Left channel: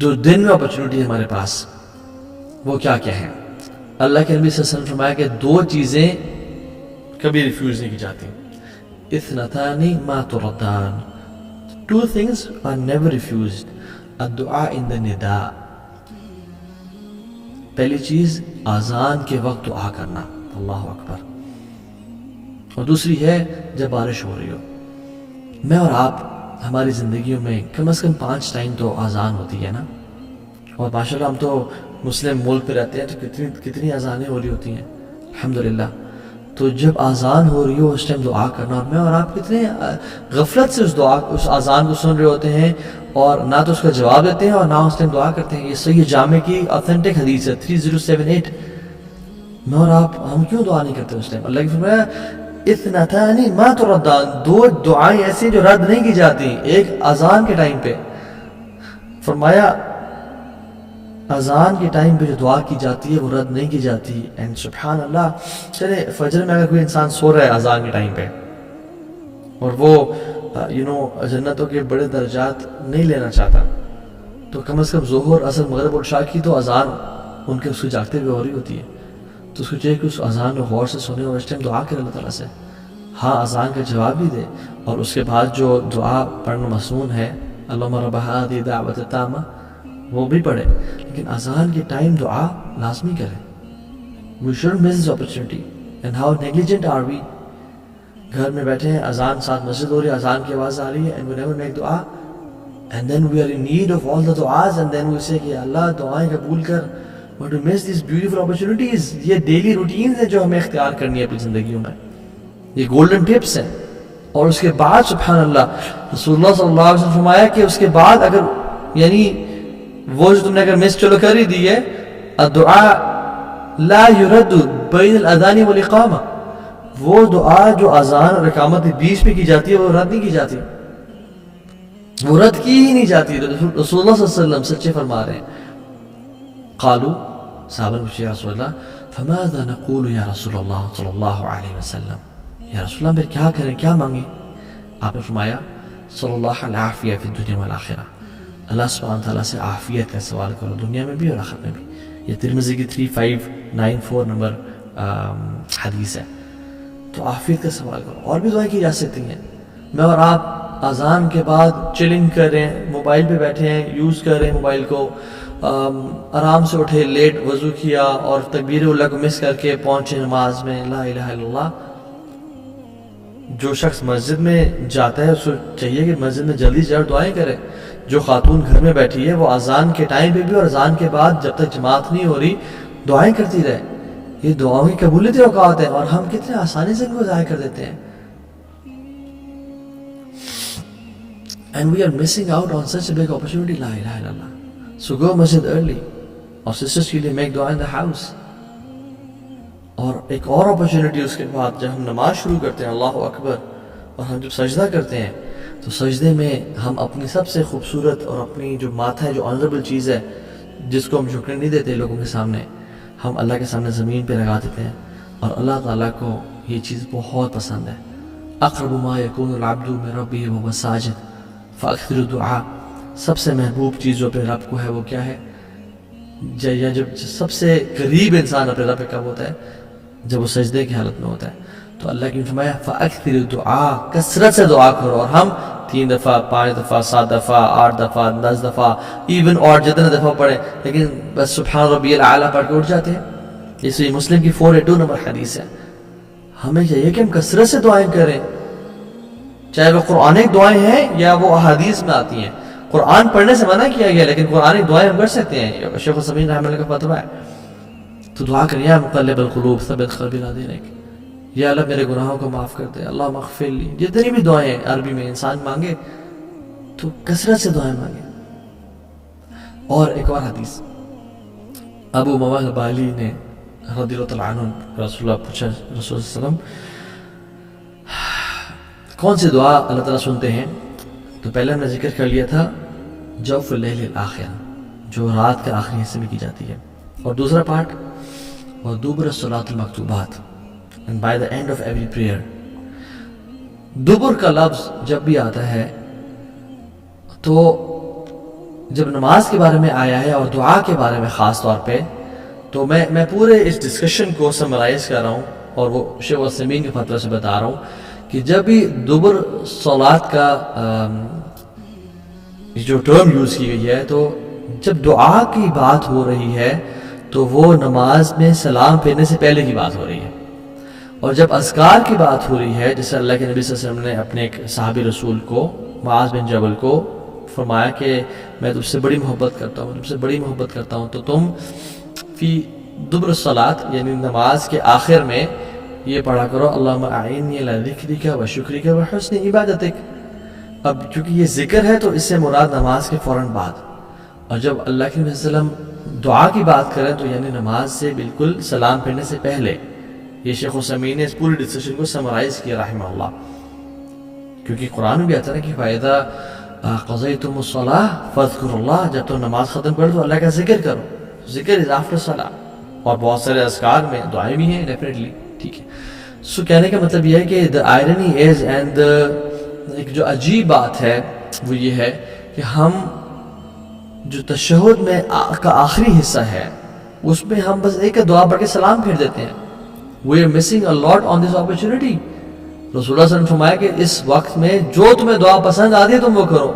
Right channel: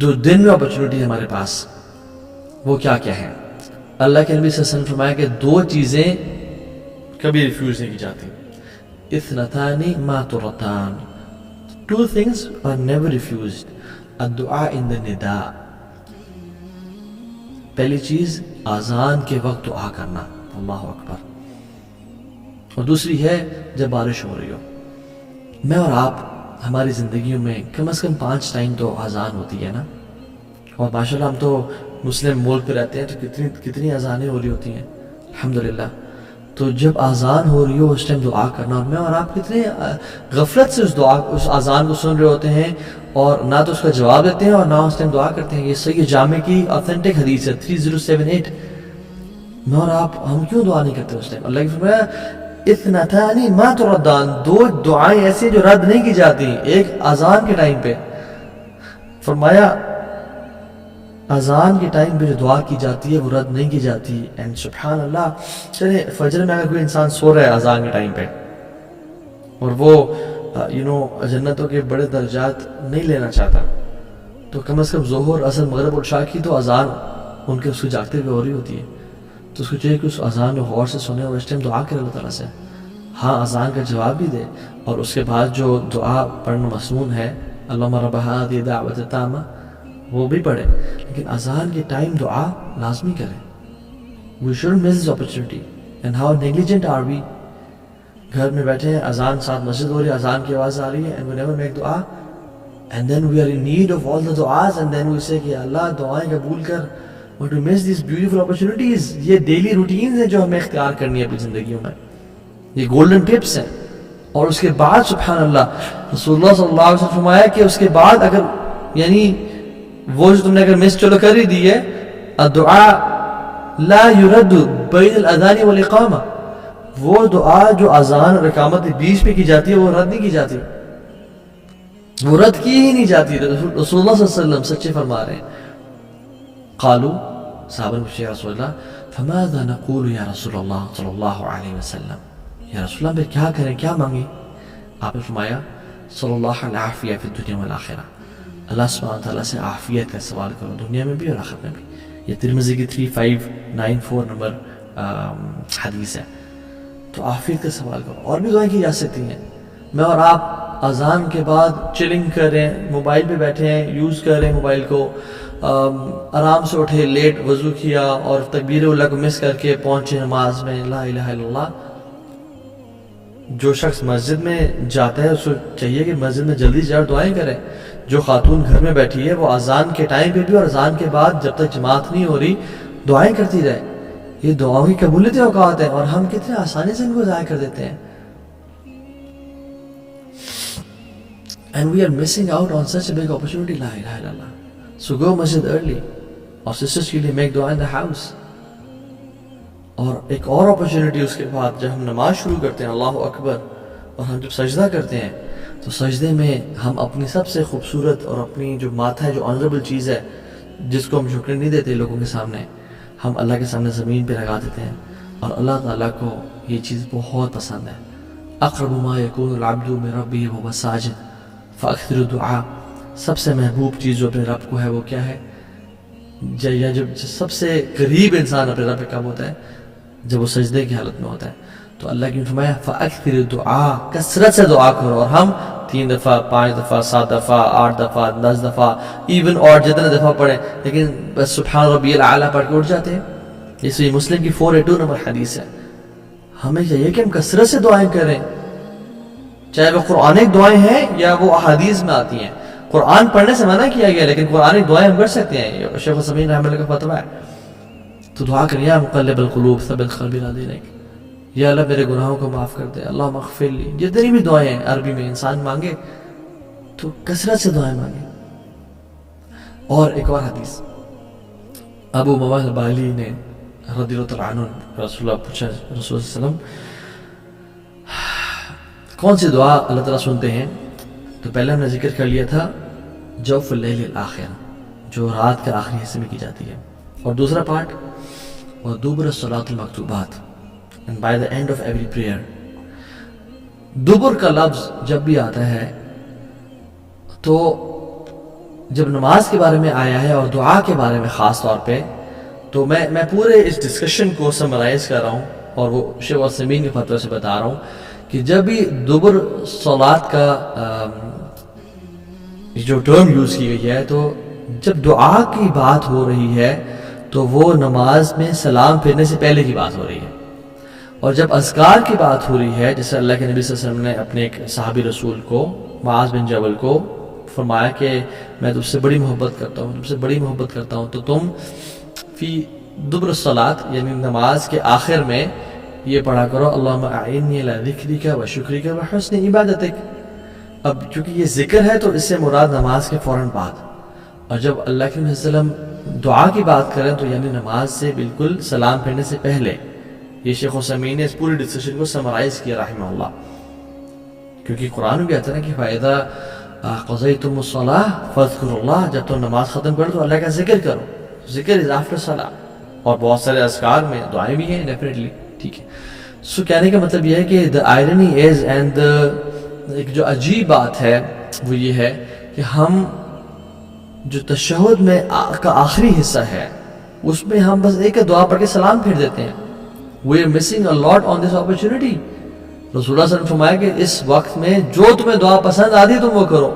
جو دن میں اپرچونٹی ہے ہمارے پاس وہ کیا کیا ہے؟ اللہ کے نبی صلی اللہ علیہ وسلم نے فرمایا کہ دو چیزیں کبھی ریفیوز نہیں کی جاتی. اثنتان ما تردان. Two things are never refused. الدعاء in the نداء. پہلی چیز اذان کے وقت دعا کرنا، اللہ اکبر. اور دوسری ہے جب بارش ہو رہی ہو. میں اور آپ ہماری زندگیوں میں کم از کم 5 ٹائم تو اذان ہوتی ہے نا. اور ماشاءاللہ ہم تو مسلم ملک پہ رہتے ہیں تو کتنی اذانیں ہو رہی ہوتی ہیں الحمدللہ. تو جب اذان ہو رہی ہو اس ٹائم دعا کرنا. اور میں اور آپ کتنے غفلت سے اس اذان کو سن رہے ہوتے ہیں اور نہ تو اس کا جواب دیتے ہیں اور نہ اس ٹائم دعا کرتے ہیں. یہ صحیح جامع کی آتھینٹک حدیث ہے 3078. میں اور آپ ہم کیوں دعا نہیں کرتے اس ٹائم؟ اللہ کی فرمایا اثنتان ما تردان. 2 دعائیں ایسی جو رد نہیں کی جاتی. ایک اذان کے ٹائم پہ فرمایا اذان کے ٹائم پہ جو دعا کی جاتی ہے وہ رد نہیں کی جاتی. اینڈ سبحان اللہ. چلے فجر میں اگر کوئی انسان سو رہا ہے اذان کے ٹائم پہ اور وہ جنتوں کے بڑے درجات نہیں لینا چاہتا تو کم از کم ظہر عصر مغرب اور عشاء کی تو اذان ان کے اس کو جاگتے ہوئے ہو رہی ہوتی ہے. تو اس کو چاہیے کہ اس اذان کو غور سے سنے اور اس ٹائم دعا کرے اللہ تعالیٰ سے. ہاں اذان کا جواب بھی دے اور اس کے بعد جو دعا پڑھنا مسنون ہے اللہم رب ہذہ الدعوۃ التامہ وہ بھی پڑھے. لیکن اذان کے ٹائم دعا لازمی کریں. We shouldn't miss this opportunity. And how negligent are we? گھر میں بیٹھے ہیں اذان ساتھ مسجد ہو رہی ہے اذان کی آواز آ رہی ہے and we never make دعا and then we are in need of all the du'as and then we say کہ اللہ دعائیں قبول کر. But we miss these beautiful opportunities. یہ ڈیلی روٹینز ہیں جو ہمیں اختیار کرنی ہے اپنی زندگیوں میں. یہ گولڈن ٹپس ہیں. اور اس کے بعد سبحان اللہ رسول اللہ صلی اللہ علیہ وسلم فرمایا کہ اس کے بعد اگر یعنی وہ جو تم نے اگر مس چلو کر ہی دی ہے الدعاء لا يرد بین الاذان والاقامہ. وہ دعا جو اذان اور اقامت کے بیچ میں کی جاتی ہے وہ رد نہیں کی جاتی. وہ رد کی ہی نہیں جاتی. رسول اللہ صلی اللہ علیہ وسلم سچے فرما رہے ہیں. قالوا صحابہ نے پوچھا یا رسول اللہ فماذا نقول یا رسول اللہ صلی اللہ علیہ وسلم. یا رسول اللہ پھر کیا کریں کیا مانگیں؟ آپ نے فرمایا صلی اللہ العافیہ فی الدنیا والآخرہ. اللہ سبحانہ تعالیٰ سے عافیت کا سوال کرو دنیا میں بھی اور آخرت میں بھی. یہ ترمذی کی 3594 نمبر حدیث ہے. تو عافیت کا سوال کرو. اور بھی دعائیں کی جا سکتی ہیں. میں اور آپ اذان کے بعد چلنگ کر رہے ہیں موبائل پہ بیٹھے ہیں یوز کر رہے ہیں موبائل کو آرام سے اٹھے لیٹ وضو کیا اور تکبیر اللہ کو مس کر کے پہنچے نماز میں لا الہ الا اللہ. جو شخص مسجد میں جاتا ہے اس کو چاہیے کہ مسجد میں جلدی جا دعائیں کرے. جو خاتون گھر میں بیٹھی ہے وہ اذان کے ٹائم پہ بھی اور اذان کے بعد جب تک جماعت نہیں ہو رہی دعائیں کرتی رہے. یہ دعاؤں کی قبولیت اوقات ہیں اور ہم کتنے آسانی سے ان کو ضائع کر دیتے ہیں. And we are missing out on such a big opportunity. لا الہ الا اللہ. So go masjid early. اور sisters کے لیے make dua in the house. اور ایک اور اپرچونٹی اس کے بعد جب ہم نماز شروع کرتے ہیں اللہ اکبر اور ہم جب سجدہ کرتے ہیں تو سجدے میں ہم اپنی سب سے خوبصورت اور اپنی جو ماتھا ہے جو آنریبل چیز ہے جس کو ہم جھکنے نہیں دیتے لوگوں کے سامنے ہم اللہ کے سامنے زمین پہ لگا دیتے ہیں. اور اللہ تعالیٰ کو یہ چیز بہت پسند ہے. اقرب ما یکون العبد من ربہ وهو ساجد فاکثر الدعاء. سب سے محبوب چیز جو اپنے رب کو ہے وہ کیا ہے؟ یا جب سب سے قریب انسان اپنے رب کب ہوتا ہے؟ جب وہ سجدے کی حالت میں ہوتا ہے. تو اللہ کی فرمایا فاکثر الدعاء. کثرت سے دعا کرو. اور ہم 3 دفعہ 5 دفعہ 7 دفعہ 8 دفعہ 10 دفعہ ایون اور جتنے دفعہ پڑھیں لیکن بس سبحان ربی الاعلیٰ پڑھ کے اٹھ جاتے ہیں. اس لیے مسلم کی 482 نمبر حدیث ہے. ہمیں چاہیے کہ ہم کثرت سے دعائیں کریں چاہے وہ قرآنک دعائیں ہیں یا وہ احادیث میں آتی ہیں. قرآن پڑھنے سے منع کیا گیا لیکن قرآنک دعائیں ہم کر سکتے ہیں. شیخ السمین رحمہ اللہ کا فتویٰ ہے. تو دعا کریں یا مقلب القلوب ثبت قلبی علی دینک. یا اللہ میرے گناہوں کو معاف کر دے. اللہم اغفر لی. جتنی بھی دعائیں ہیں عربی میں انسان مانگے تو کثرت سے دعائیں مانگے. اور ایک اور حدیث ابو امامہ بالی نے رضی اللہ تعالیٰ عنہ رسول اللہ پوچھا رسول اللہ صلی اللہ علیہ وسلم کون سی دعا اللہ تعالیٰ سنتے ہیں؟ تو پہلے ہم نے ذکر کر لیا تھا جوف اللیل الآخر جو رات کے آخری حصے میں کی جاتی ہے. اور دوسرا پارٹ ودبر الصلاۃ المکتوبات and by the end of every prayer. دبر کا لفظ جب بھی آتا ہے تو جب نماز کے بارے میں آیا ہے اور دعا کے بارے میں خاص طور پہ، تو میں پورے اس ڈسکشن کو سمرائز کر رہا ہوں اور وہ شیخ عثیمین کے فتوے سے بتا رہا ہوں کہ جب بھی دبر صلات کا جو ٹرم یوز کی گئی ہے، تو جب دعا کی بات ہو رہی ہے تو وہ نماز میں سلام پھیرنے سے پہلے کی بات ہو رہی ہے، اور جب اذکار کی بات ہو رہی ہے، جیسے اللہ کے نبی صلی اللہ علیہ وسلم نے اپنے ایک صحابی رسول کو، معاذ بن جبل کو فرمایا کہ میں تم سے بڑی محبت کرتا ہوں، تم سے بڑی محبت کرتا ہوں، تو تم فی دبر الصلاۃ یعنی نماز کے آخر میں یہ پڑھا کرو اللہم اعنی علی ذکرک و شکرک و حسن عبادتک۔ اب چونکہ یہ ذکر ہے تو اس سے مراد نماز کے فوراً بعد، اور جب اللہ کے نبی صلی اللہ علیہ وسلم دعا کی بات کریں تو یعنی نماز سے بالکل سلام پھیرنے سے پہلے۔ یہ شیخ عثیمین نے اس پوری ڈسکشن کو سمرائز کیا رحمہ اللہ، کیونکہ قرآن میں بھی آتا ہے نا کہ فَإِذَا قَضَيْتُمُ الصَّلَاةَ فَاذْكُرُوا اللَّهَ، جب تم نماز ختم کر دو اللہ کا ذکر کرو، ذکر از آفٹر صلاح، اور بہت سارے اذکار میں دعائیں بھی ہیں ڈیفینیٹلی، ٹھیک ہے۔ سو کہنے کا مطلب یہ ہے کہ the irony is and ایک جو عجیب بات ہے وہ یہ ہے کہ ہم جو تشہد میں کا آخری حصہ ہے اس میں ہم بس ایک دعا پڑھ کے سلام پھیر دیتے ہیں۔ We are missing a lot on this opportunity۔ رسول اللہ صلی اللہ علیہ وسلم فرمایا کہ اس وقت میں جو تمہیں دعا پسند آتی ہے تم وہ کرو۔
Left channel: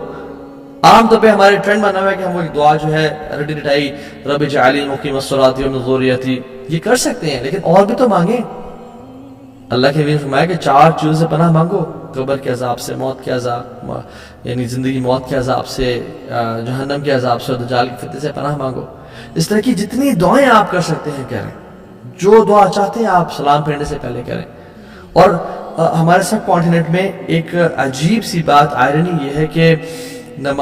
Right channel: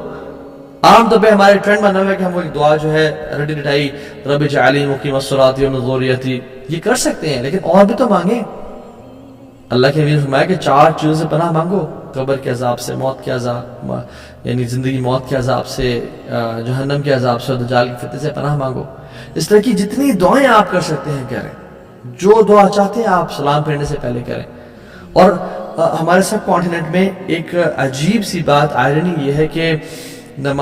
عام طور پہ ہمارے ٹرینڈ بنا ہوا ہے کہ ہم وہ ایک دعا جو ہے رٹی رٹائی رب اجعلنی مقیم الصلاۃ ومن ذریتی یہ کر سکتے ہیں، لیکن اور بھی تو مانگیں۔ اللہ کے نبی نے فرمایا کہ 4 چیزوں سے پناہ مانگو، قبر کے عذاب سے، موت کے عذاب یعنی زندگی موت کے عذاب سے، جہنم کے عذاب سے، اور دجال کے فتنے سے پناہ مانگو۔ اس طرح کی جتنی دعائیں آپ کر سکتے ہیں کریں، جو دعا چاہتے ہیں آپ سلام پھیرنے سے پہلے کریں۔ اور ہمارے سب کانٹیننٹ میں ایک عجیب سی بات آئرنی یہ ہے کہ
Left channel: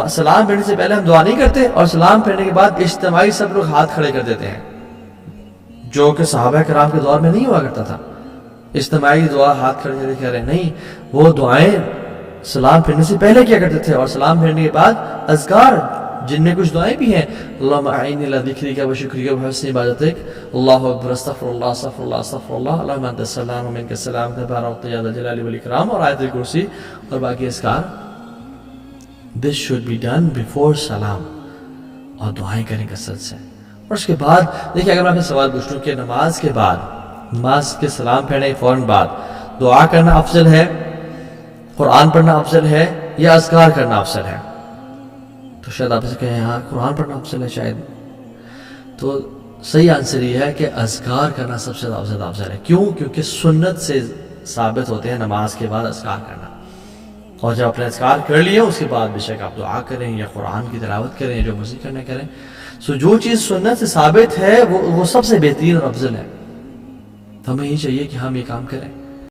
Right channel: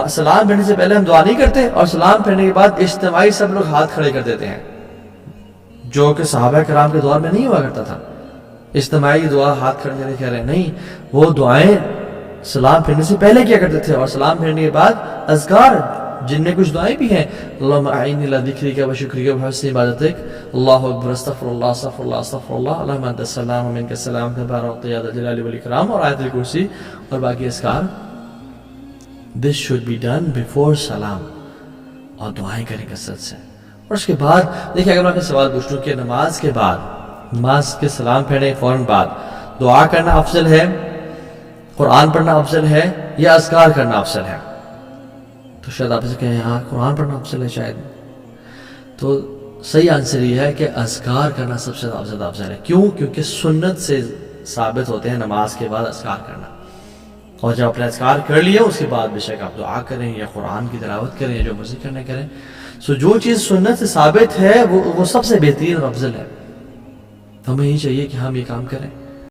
سلام پھیرنے سے پہلے ہم دعا نہیں کرتے، اور سلام پھیرنے کے بعد اجتماعی سب لوگ ہاتھ کھڑے کر دیتے ہیں، جو کہ صحابہ کرام کے دور میں نہیں ہوا کرتا تھا۔ اجتماعی دعا ہاتھ کھڑے کر کے رہے نہیں، وہ دعائیں سلام پھیرنے سے پہلے کیا کرتے تھے، اور سلام پھیرنے کے بعد اذکار جن میں کچھ دعائیں بھی ہیں، اللہم اعنی علی ذکرک و شکرک و حسن عبادتک، اللہ اکبر، استغفر اللہ استغفر اللہ استغفر اللہ، اللہم انت السلام و منک السلام تبارکت یا ذا الجلال والاکرام، اور آیت الکرسی اور باقی اذکار۔ This should be done before سلام، اور دعائیں کریں کثرت سے۔ اور اس کے بعد دیکھیں، اگر میں آپ سے سوال پوچھوں کہ نماز کے بعد، نماز کے سلام پھیرنے فوراً بعد دعا کرنا افضل ہے، قرآن پڑھنا افضل ہے، یا اذکار کرنا افضل ہے، تو شاید آپ سے کہیں ہاں قرآن پڑھنا افضل ہے شاید۔ تو صحیح آنسر یہ ہے کہ اذکار کرنا سب سے زیادہ افضل ہے۔ کیوں؟ کیونکہ سنت سے ثابت ہوتے ہیں نماز کے بعد اذکار کرنا، اور جب اپنے اذکار کر لیا اس کے بعد بے شک آپ دعا کریں یا قرآن کی تلاوت کریں یا جو مرضی کرنا کریں۔ سو جو چیز سنت سے ثابت ہے وہ سب سے بہترین اور افضل ہے، تو ہمیں یہ چاہیے کہ ہم یہ کام کریں۔